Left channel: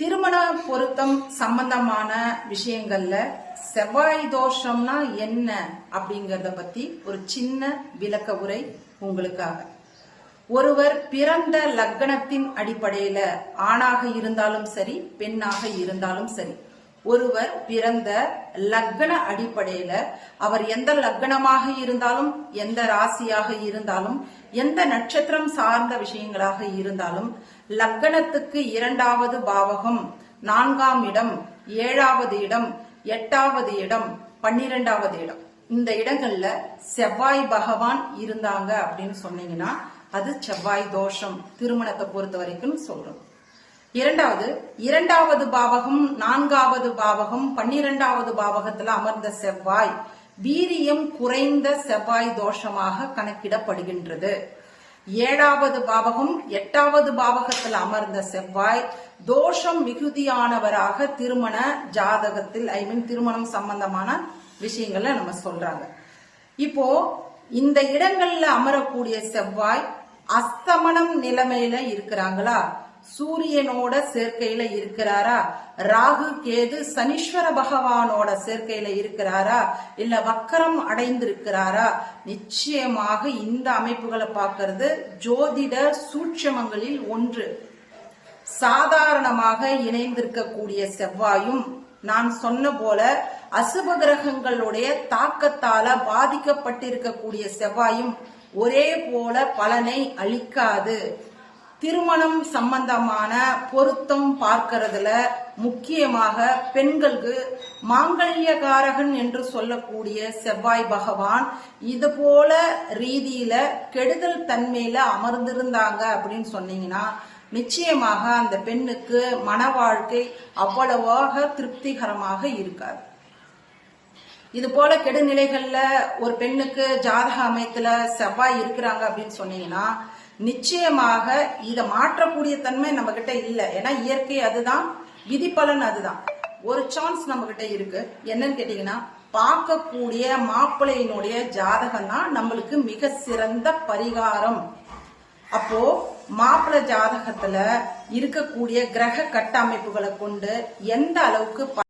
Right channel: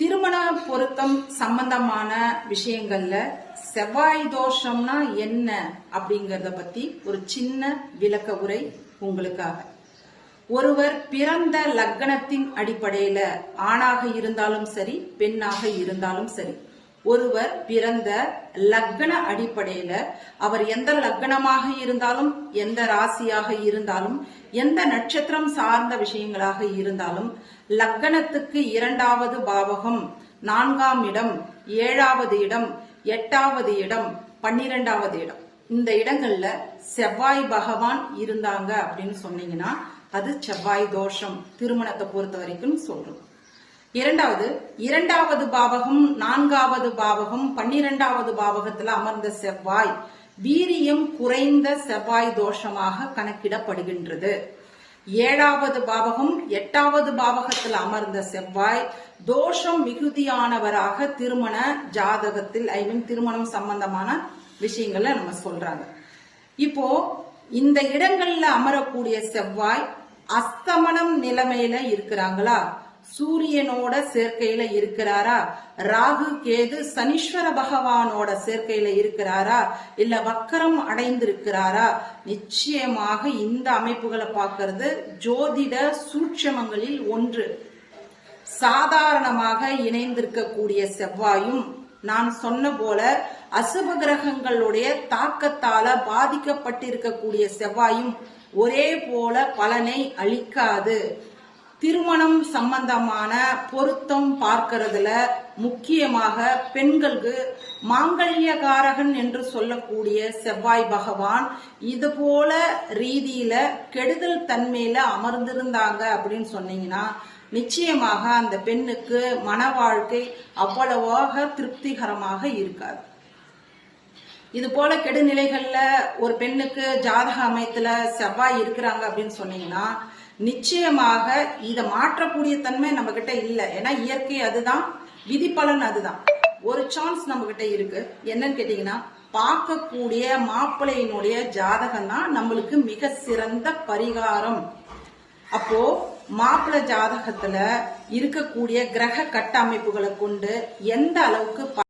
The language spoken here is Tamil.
திருமண பொருத்தம் சம்பந்தமான விஷயங்கள்ல செவ்வாய் தோஷம்னா என்ன அப்படிங்கறத பத்தி ஒரு சின்ன விளக்க உரை உங்களுக்காக. ஒருவர் பிறந்த லக்னத்தின் அடிப்படையில ஆணாக இருந்தாலும் சரி, பெண்ணாக இருந்தாலும் சரி, ஒருவர் பிறந்த லக்ன அடிப்படையில அவர் எந்த லக்னமாக இருந்தாலும், எந்த ராசியாக இருந்தாலும், எந்த நட்சத்திரம் சார்ந்த விஷயங்களாக இருந்தாலும், லக்னத்துக்கு 2வது பாவகம், 4ஆம் இடம், 7வது இடம், 8வது இடம், 12வது இடம், இந்த இடங்கள்ல செவ்வாய் பகவான் இருந்தாங்க அப்படின்னு சொன்னீங்கன்னா அது செவ்வாய் தோஷம் திருமணத்தை பொறுத்த வரைக்கும் சொல்றோம். இரண்டாவது பாவகம், 4வது பாவகம், 12வது பாவகத்துல அமர்ந்த செவ்வாய் வீரியம் குறைந்த செவ்வாய் தோஷமாக கணக்கிடப்படுகின்றது. 7வது பாவகம், 8வது பாவகத்தில் அமர்ந்த செவ்வாய் தோஷம் மிகுதியானவராக திருமண ஜாதகத்தில் திருமணம் சம்பந்தமான விஷயங்கள்ல நம்ம சொல்றாங்க. இப்போ இந்த இடங்கள்ல அமரக்கூடிய செவ்வாய் அஸ்தமனம் நிலைமையில இருக்கிறாங்களா, சூரியனோட சேர்க்கையில இருக்கிறாரா, ராகு கேது சனீஸ்வர பகவானோட சேர்க்கையில இருக்கிறாரா, இல்ல வக்கரம் அடைந்திருக்கிறாரா, நிச்சயமாக இந்த அமைப்புகளை பார்க்கிறது ஜோதிட சூட்சமங்களில் ஒன்று. சாதாரணமாக இணைந்திருக்கக்கூடிய செவ்வாயும் நான் சொன்ன போல அசுப கிரகங்களுடைய தாக்கத்தால பாதிக்கப்பட்டிருக்கக்கூடிய செவ்வாயும் ஒரே போல பலனை அளிக்காது. திருமணம் சம்பந்தமான பொருத்தம் பார்க்கறதுல முக்கியமாக பெண்களுக்கு மாங்கல்யகாரகன் என்று சொல்லக்கூடிய செவ்வாய் பகவான் இது போல ரீதியில கெடுதல் தன்மையில அமர்ந்திருந்தாங்க அப்படின்னு சொன்னீங்கன்னா நிச்சயமாக அந்த பெண்ணுக்கு மன வாழ்க்கை அவ்வளவாக திருப்திகரமாக இருக்காது. இது போல கெடுநிலைகள்ல ஒரு பெண்ணுக்கு ஜாதக அமைத்துல செவ்வாய் இருக்கிறாங்க அப்படின்னு சொன்னீங்கன்னா நிச்சயமாக இதை மாற்றக்கூடிய தன்மை நம்ம கிட்ட இல்லை. ஏன்னா இயற்கை அதுதான், விதி பலன் அதுதான். ஒரு சான்ஸ் நம்ம கிட்ட இருக்கு. என்னன்னு கேட்டீங்கன்னா பார்க்கக்கூடிய மாப்பிள்ளையினுடைய ஜாதகம் தான் நம்மளுக்கு மிக சிறந்த பரிகாரம். அப்போ மாப்பிள்ளை ஜாதகத்துல இருக்கக்கூடிய கிரக கட்டமைப்புகளை கொண்டு எந்த அளவுக்கு